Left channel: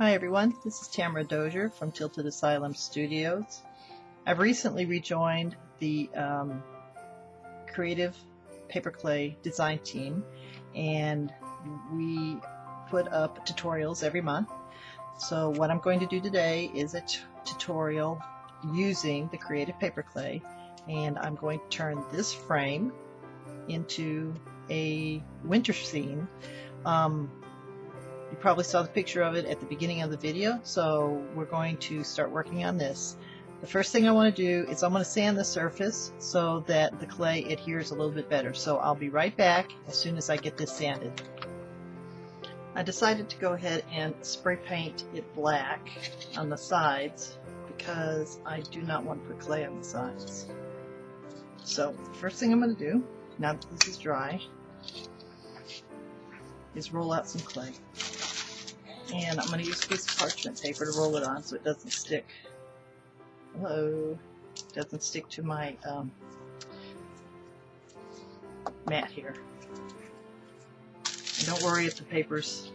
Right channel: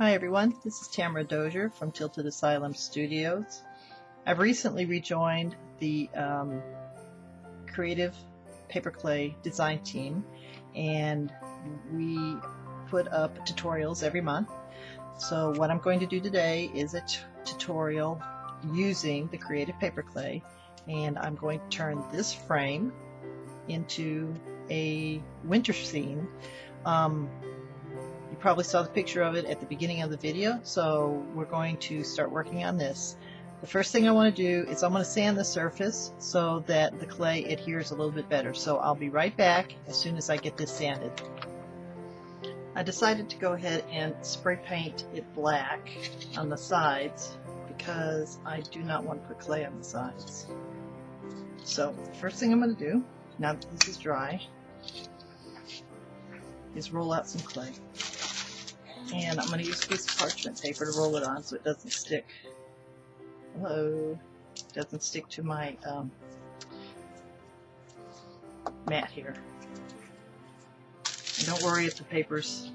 Hi everyone, this is Tamara Dozier from Tilted Asylum Studios. I've recently rejoined the Creative Paperclay design team, and we put up tutorials every month. So what I'm going to do today is a tutorial using the Creative Paperclay, and I'm going to turn this frame into a winter scene. You probably saw the picture of it at the beginning of the video, so we're going to start working on this. The first thing I want to do is I'm going to sand the surface so that the clay adheres a little bit better. So I'll be right back as soon as I get this sanded. I decided to go ahead and spray paint it black on the sides because I do not want to put clay on the sides. So the first thing I'm going to do, now that this is dry, is roll out some clay. And I'm going to use a piece of parchment paper to roll it on so it doesn't stick. Doesn't stick to my mat here. And don't worry if the paper's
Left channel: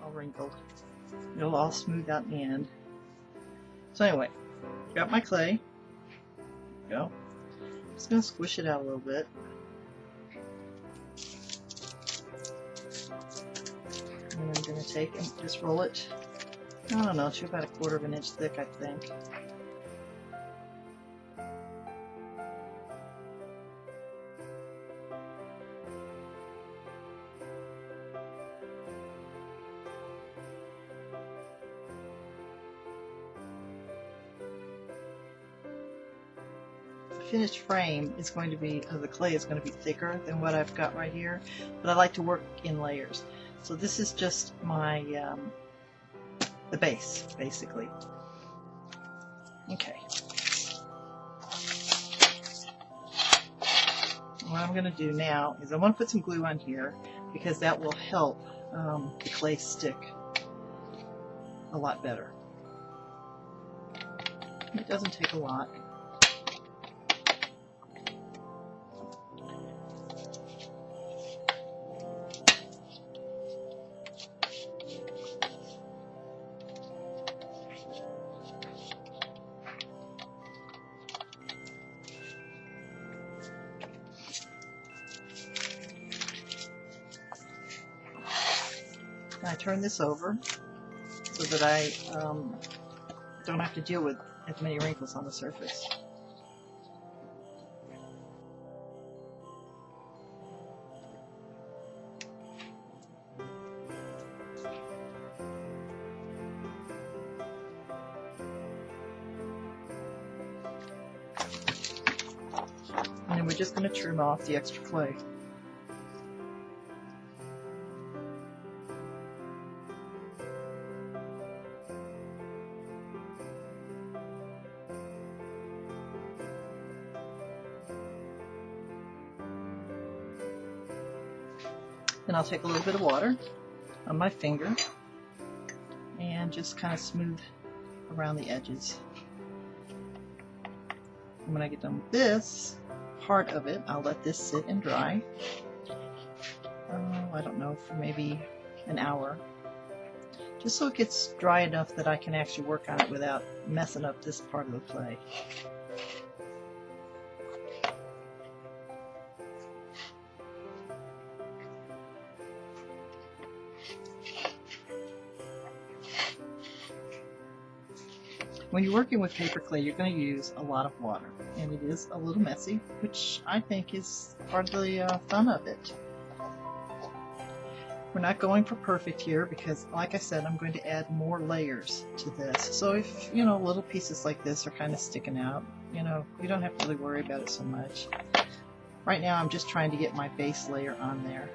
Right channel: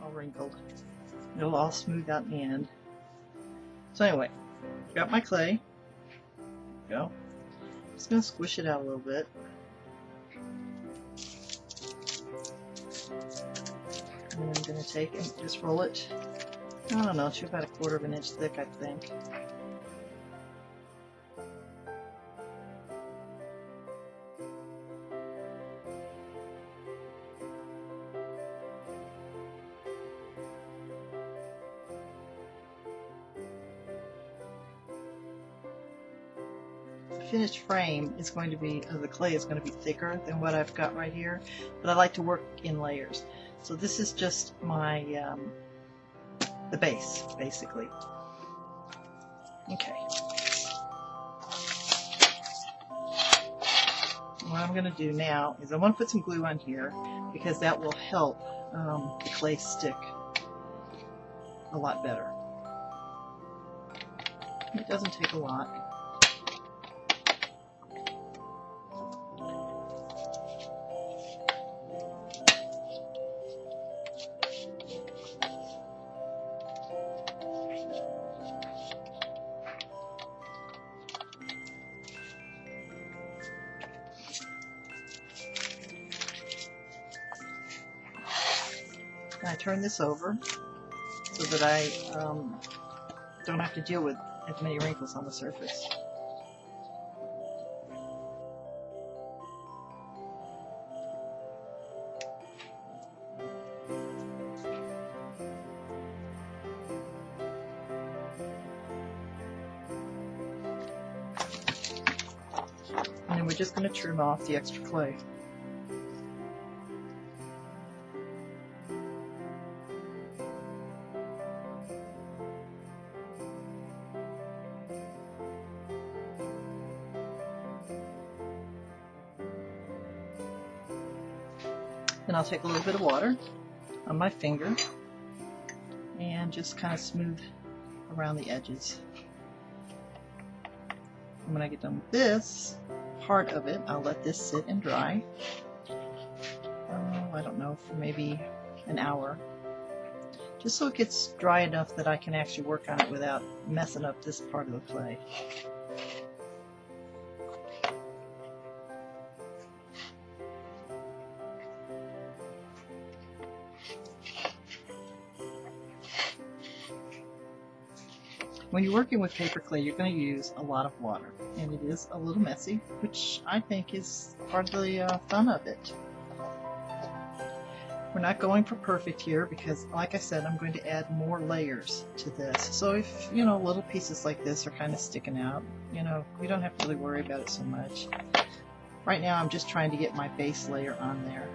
all wrinkled. It'll all smooth out in the end. So anyway, got my clay. There we go. Just going to squish it out a little bit. And I'm going to take and just roll it, I don't know, to about 1/4 of an inch thick, I think. The finished frame is going to be, the clay is going to be thicker than what I've got right here, but I like to work in layers. So this is just my, the base, basically. Okay. What I'm going to do now is I want to put some glue on here because that will help the clay stick a lot better. It doesn't take a lot. I turn this over so that I don't have to deal with as many wrinkles on the surface. And then we're just going to trim off the extra clay. Then I'll take a little bit of water on my finger and just kind of smooth around the edges. And when I get done with this part of it, I'll let this sit and dry. I don't know, for maybe an hour. Just so it gets dry enough that I can actually work on it without messing up this part of the clay. When you're working with paper clay, you're going to use a lot of water, and it is a little messy, which I think is part of the fun of it. We're not going for perfect here because, like I said, I'm going to add more layers to this. So if, you know, little pieces like this are kind of sticking out, you know, you don't have to really worry about it so much. Right now I'm just trying to get my base layer on there.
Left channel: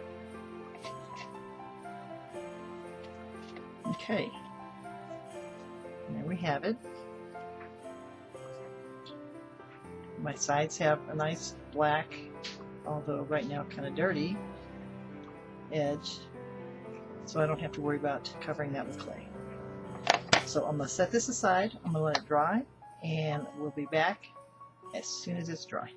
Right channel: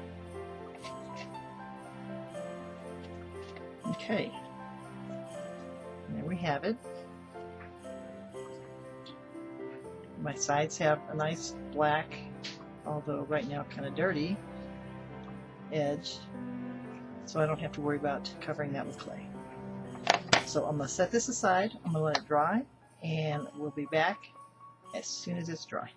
Okay, and there we have it. My sides have a nice black, although right now kind of dirty, edge, so I don't have to worry about covering that with clay. So I'm going to set this aside, I'm going to let it dry, and we'll be back as soon as it's dry.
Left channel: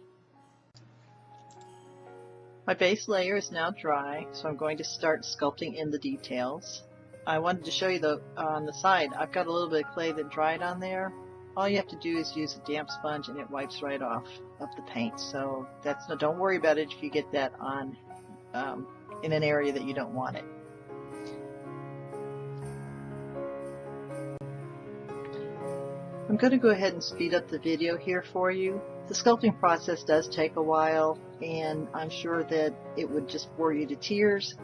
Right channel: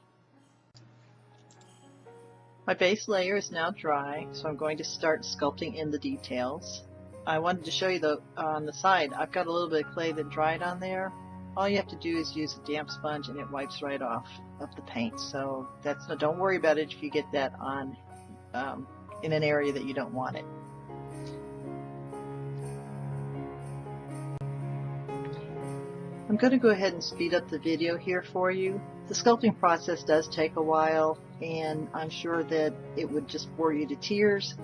My base layer is now dry, so I'm going to start sculpting in the details. I wanted to show you on the side, I've got a little bit of clay that dried on there. All you have to do is use a damp sponge and it wipes right off of the paint. So don't worry about it if you get that on in an area that you don't want it. I'm going to go ahead and speed up the video here for you. The sculpting process does take a while, and I'm sure that it would just bore you to tears.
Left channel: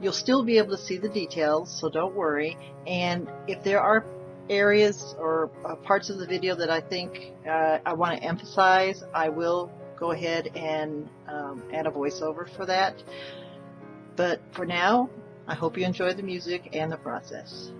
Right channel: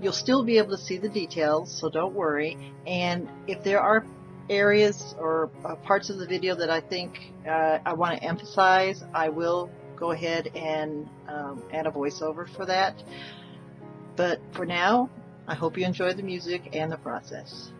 You'll still be able to see the details, so don't worry. And if there are areas or parts of the video that I think I want to emphasize, I will go ahead and add a voiceover for that. But for now, I hope you enjoy the music and the process.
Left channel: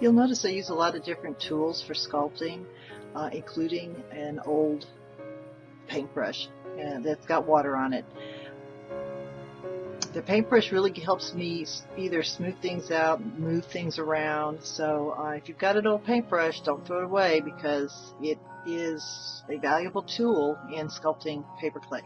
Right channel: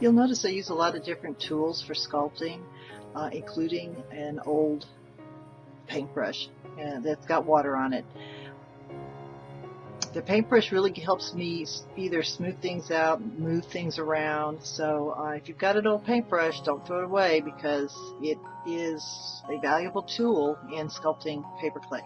You'll notice I use a lot of different tools for sculpting, including an old paintbrush that's got water on it. The paintbrush really helps me either smooth things out, move things around. So if you've got an old paintbrush, don't throw it away because it is a valuable tool in sculpting paperclay.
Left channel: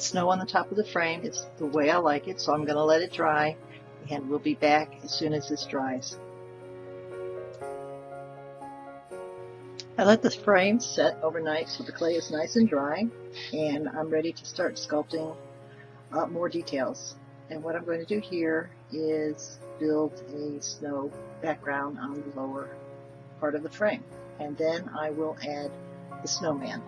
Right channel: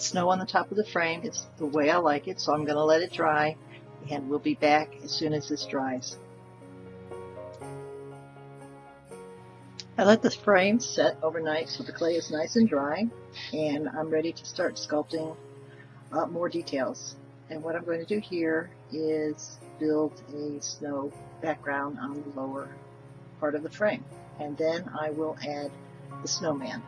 Snow on the top of the frame. It's the way I like it, so I'm going to let it dry, and we'll be back as soon as this dries. I let the frame set overnight so the clay is nice and dry, and I'm ready to start sculpting more details. And what I'm going to do here is build a snow background on the lower part of the frame, and then I will add the snowman.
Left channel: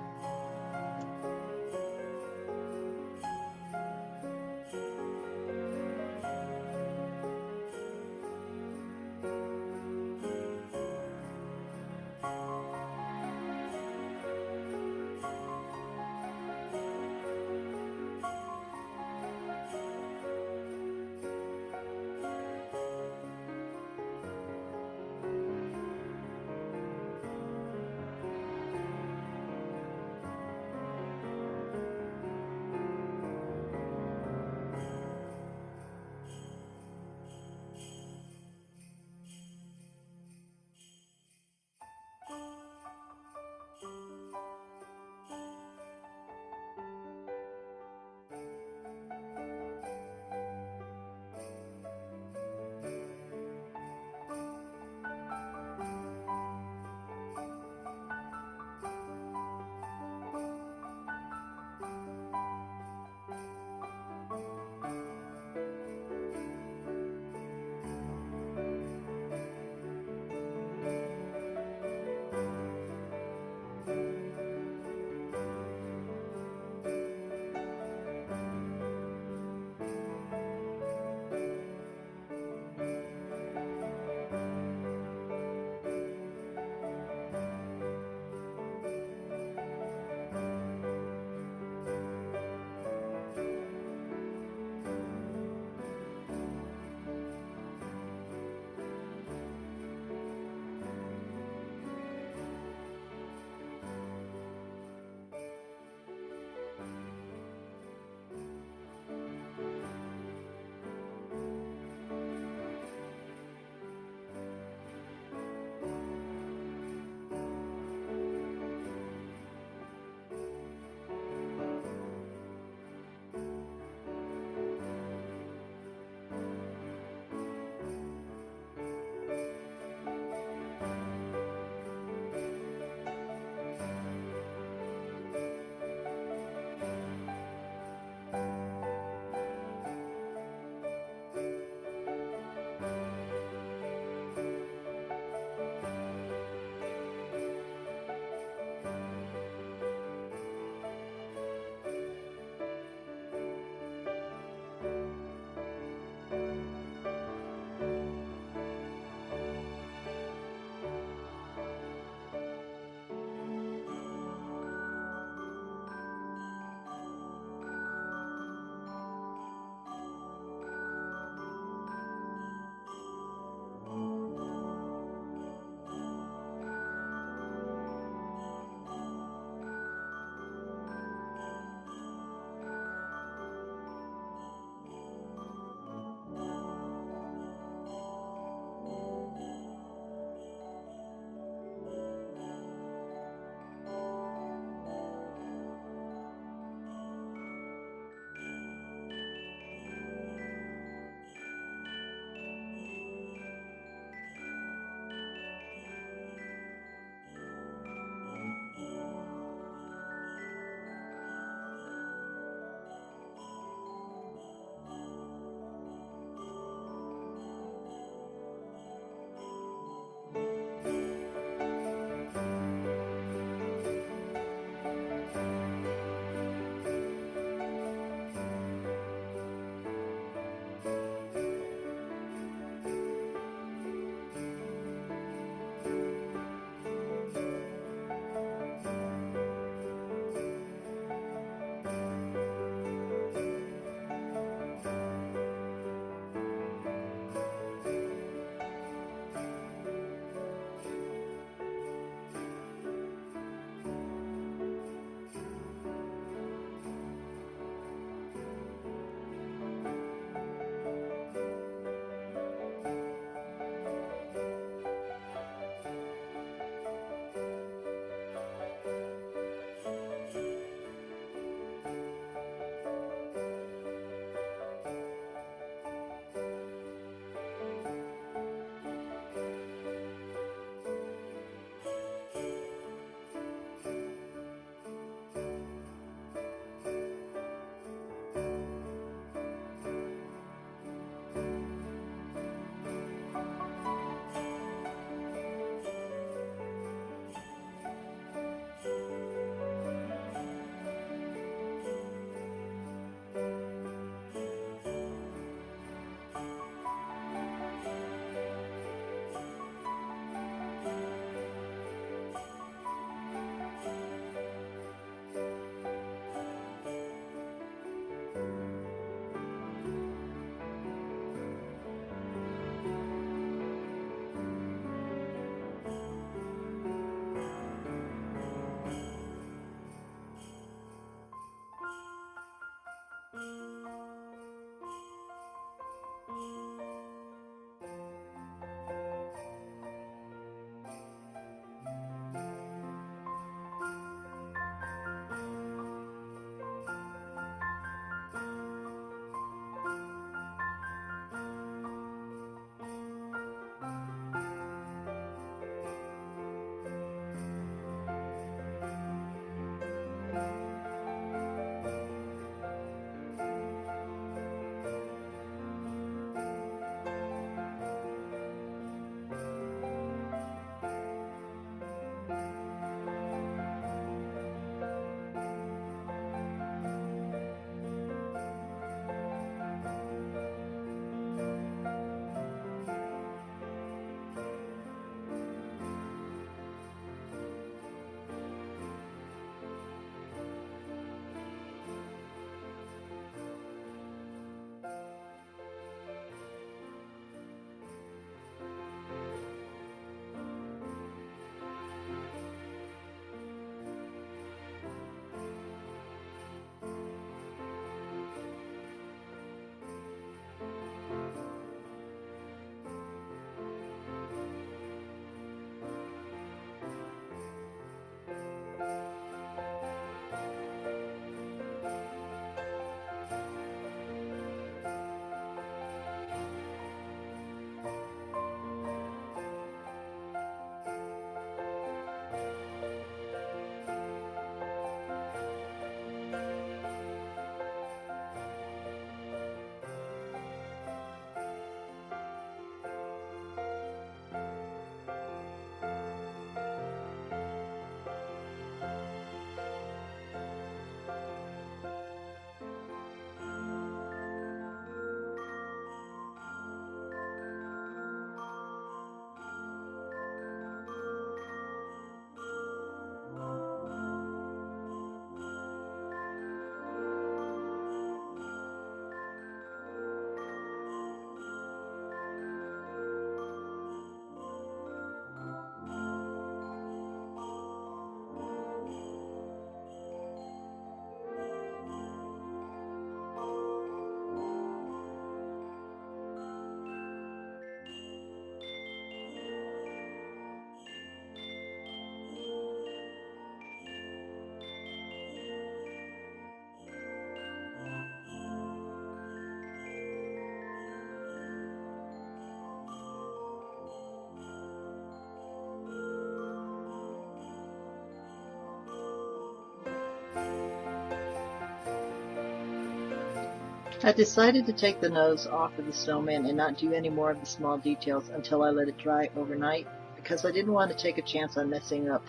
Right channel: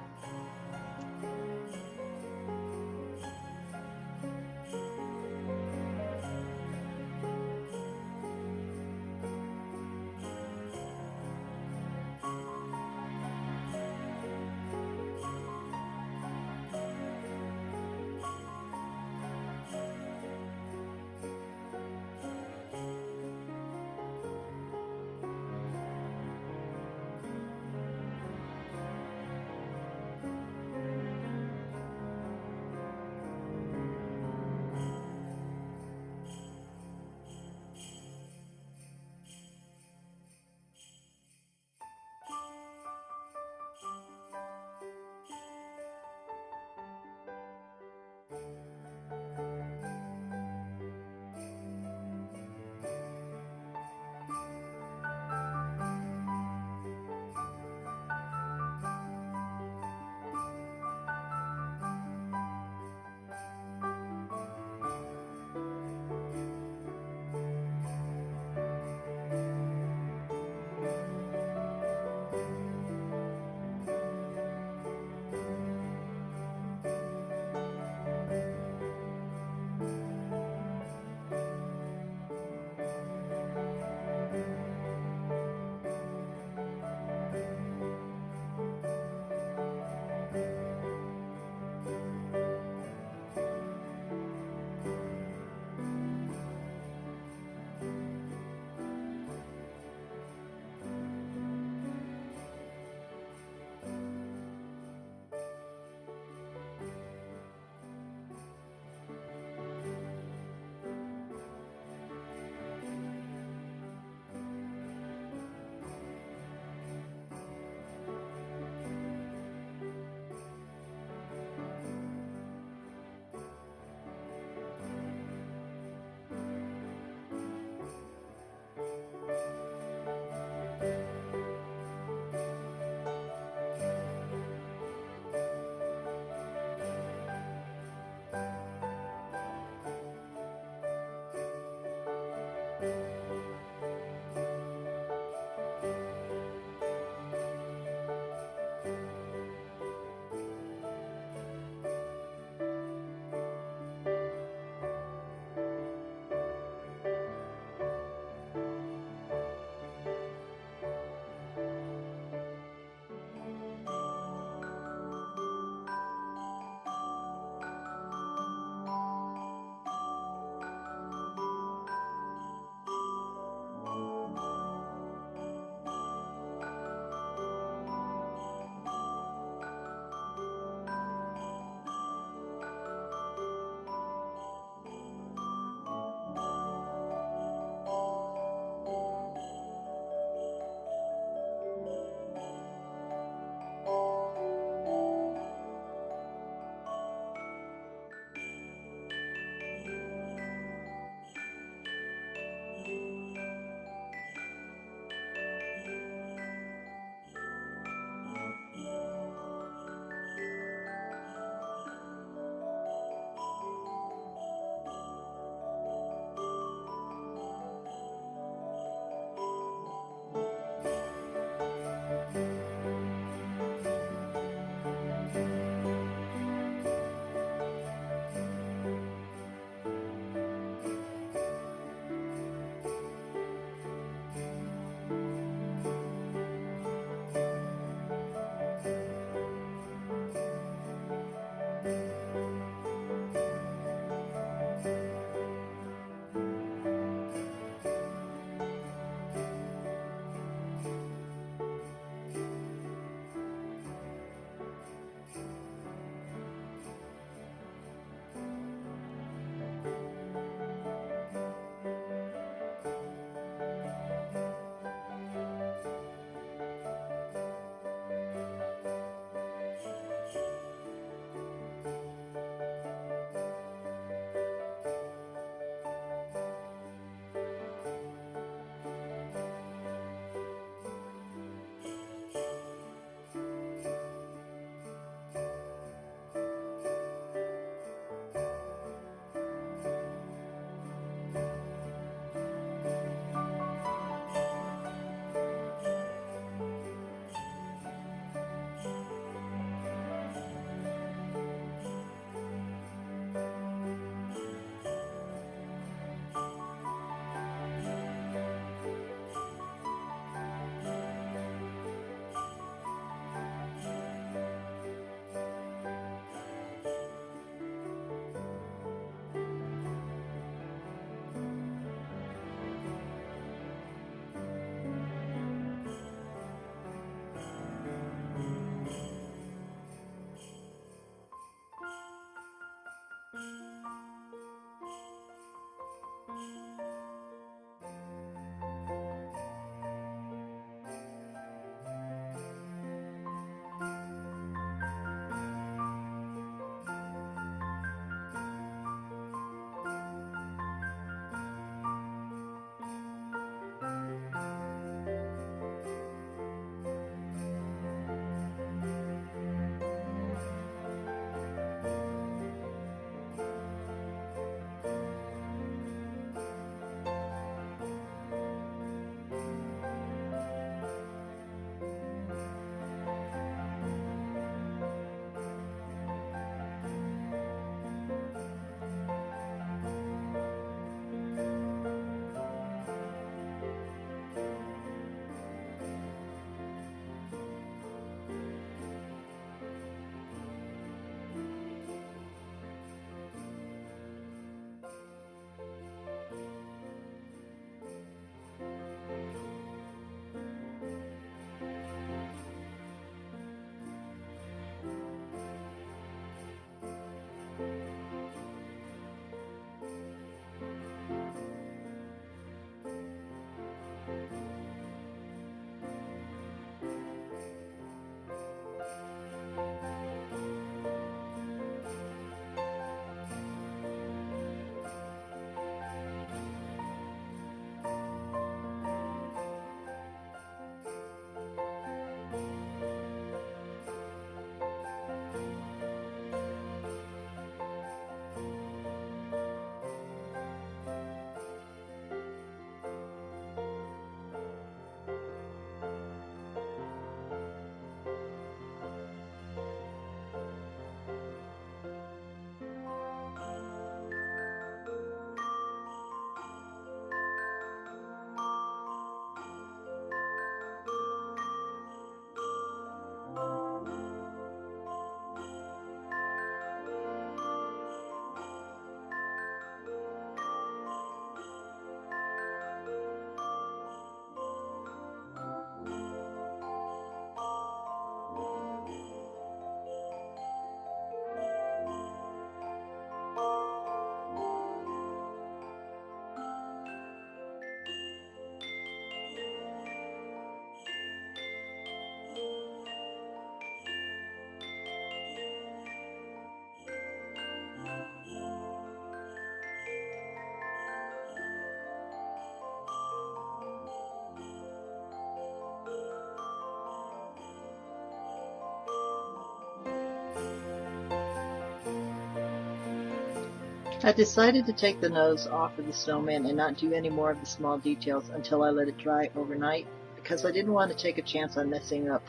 I decided to take the nose off of the snowman and not do any more of the small details until I let it dry overnight, because I didn't want to take a chance on messing up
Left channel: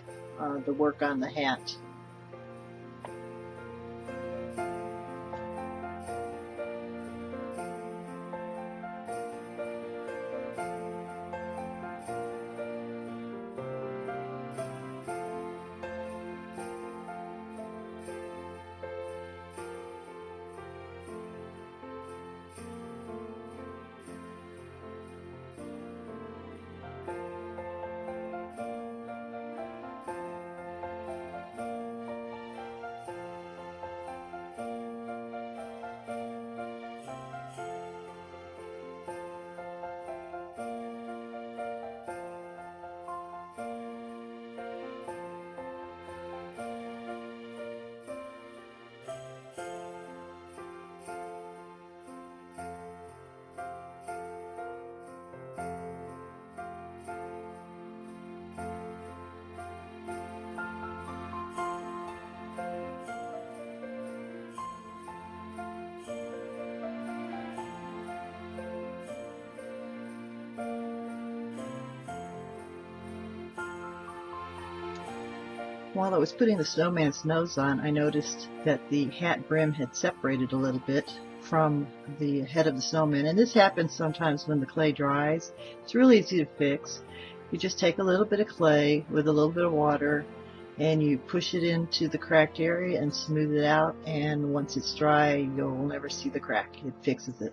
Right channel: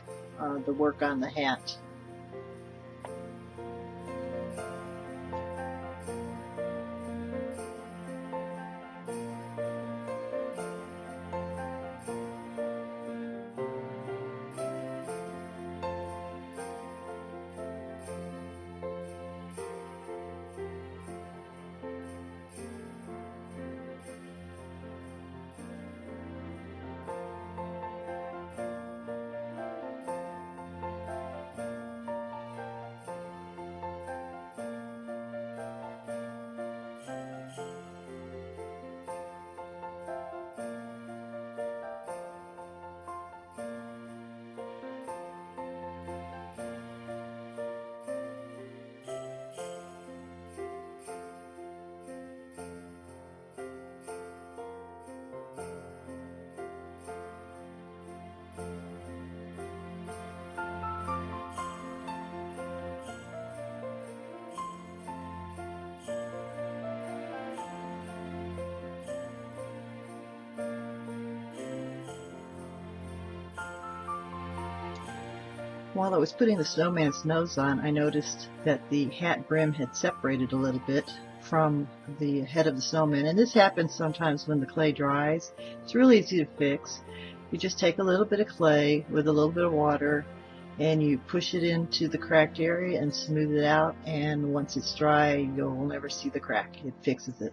the work on the hat. While I was putting the snowman's nose on, I noticed that the hat brim had separated a little bit from the head of the snowman, and this happens sometimes when the clay dries. It's really easy to fix. You just take a little bit of clay with a little bit of water and you push it into the cracked area and smooth it out, and once it's dry you'll never see the crack. It fixes it.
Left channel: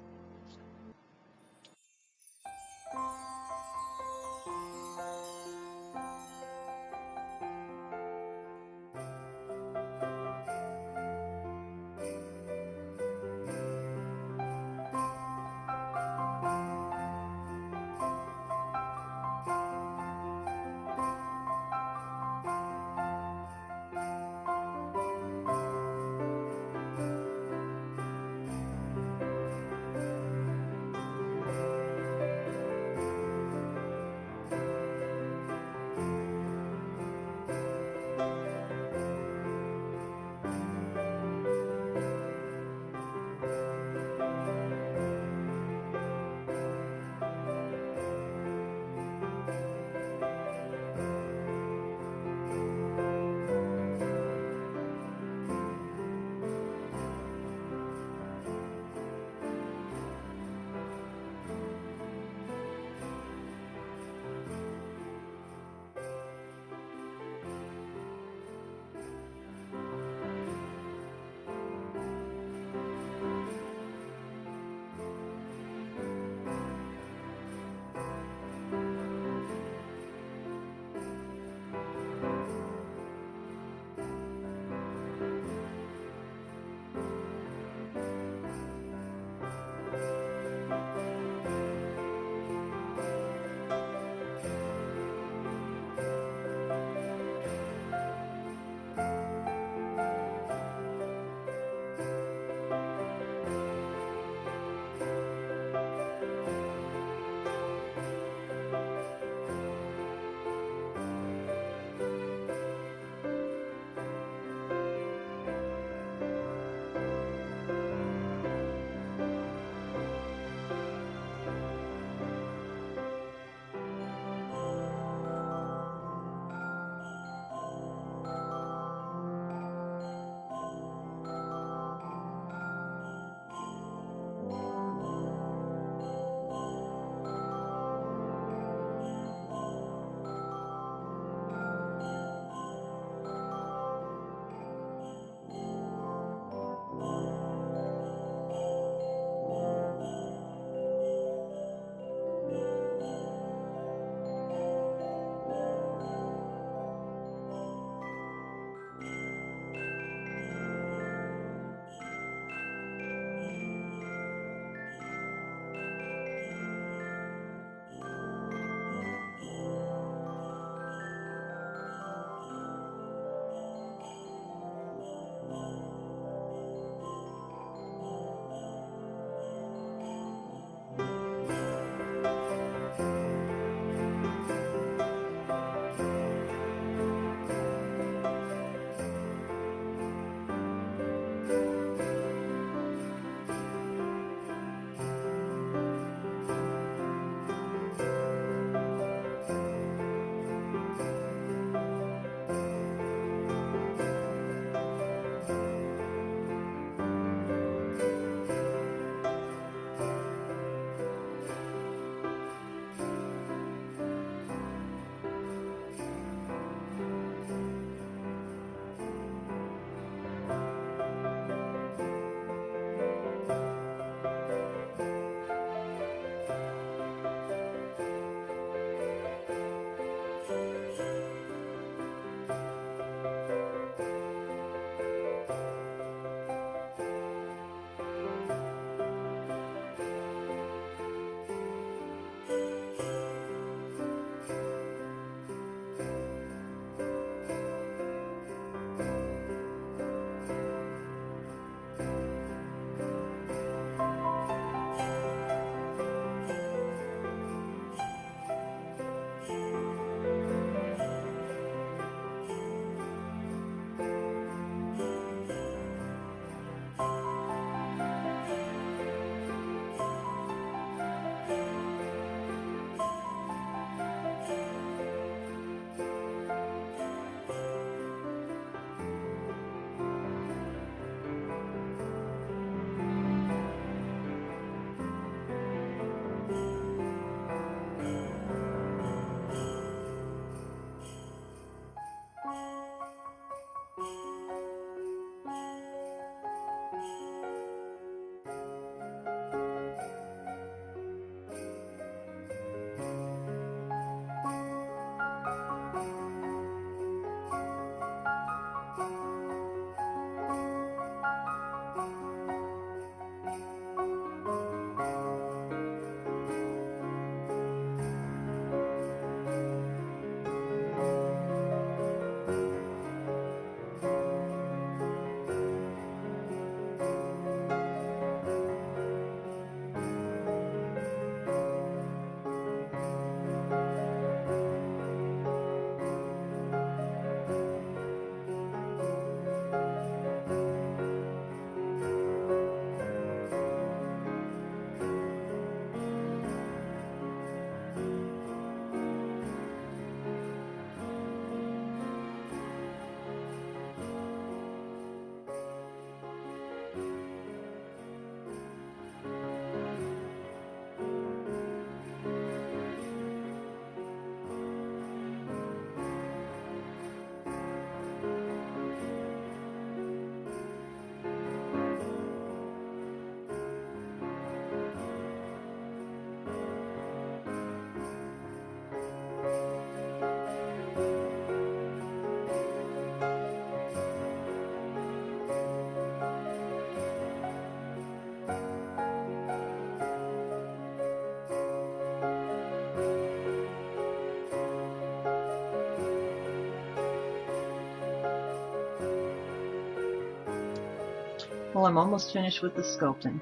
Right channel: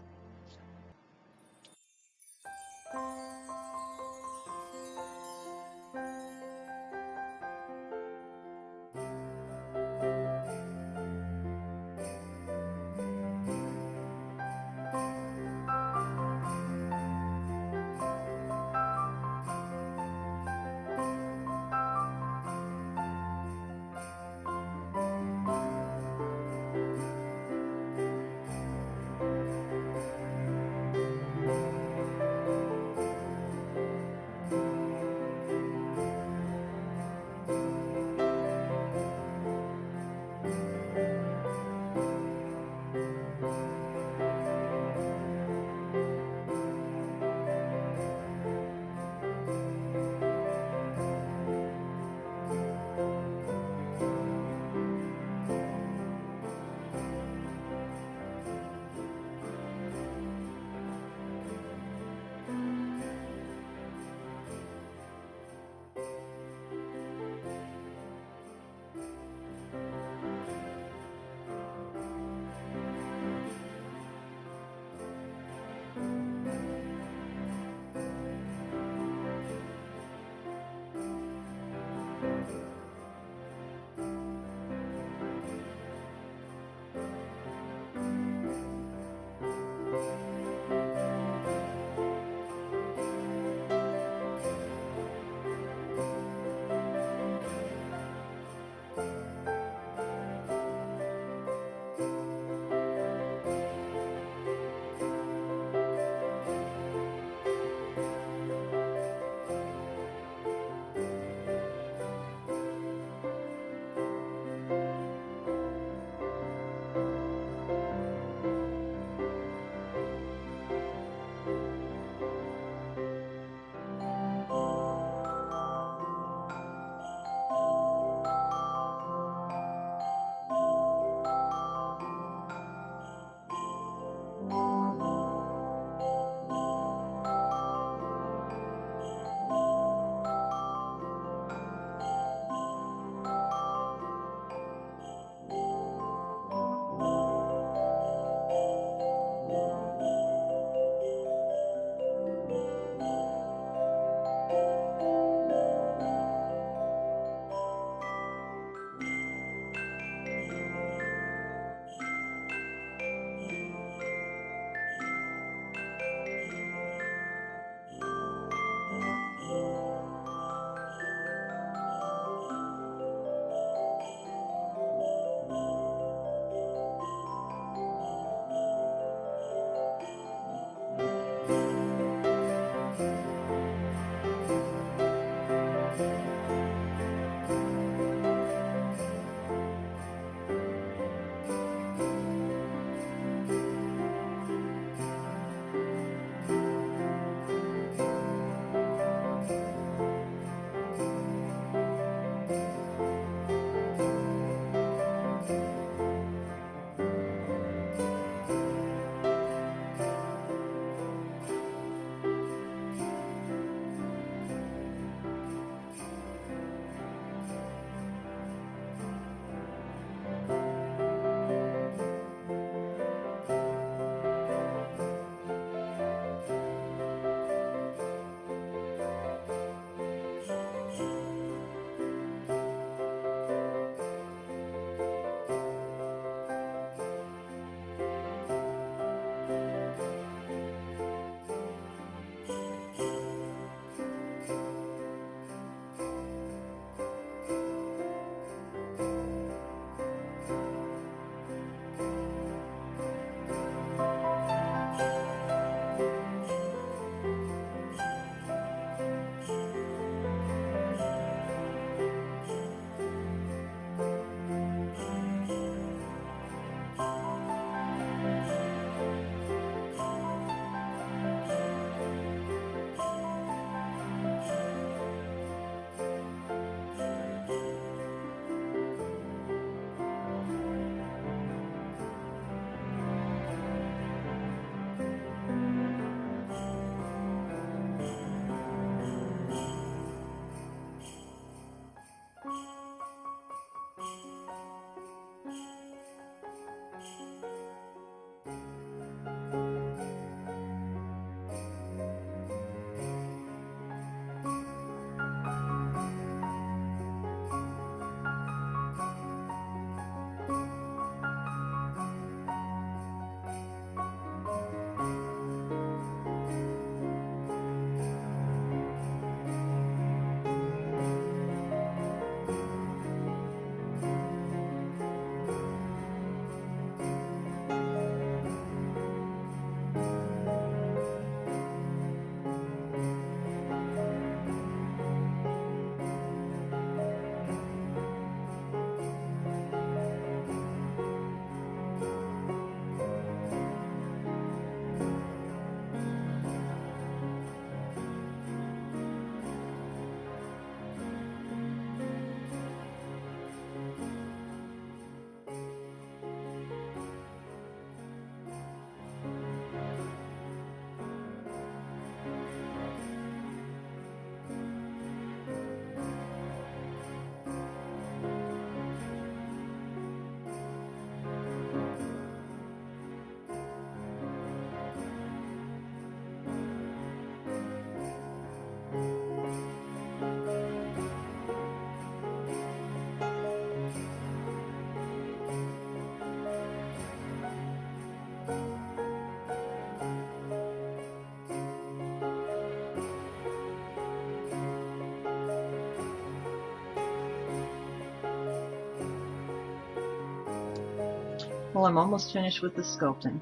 Well, I'm almost finished with the sculpting.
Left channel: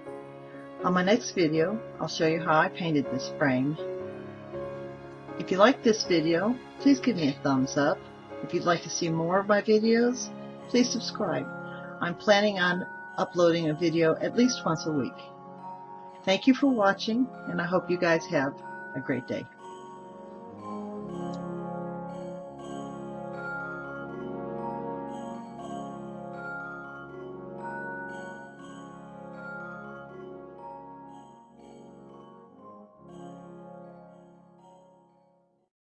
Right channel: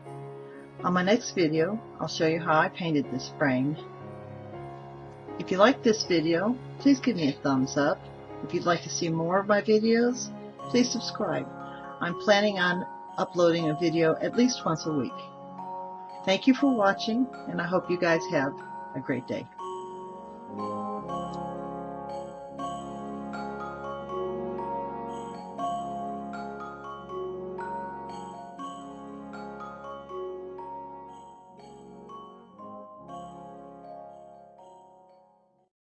On my next video, I'll show you how I painted this frame. If you like this video, please give me a thumbs up. If you'd like to see more of my videos, please subscribe. I'm planning on uploading a video at least once a week. Thank you for watching, and I hope you guys have a great day.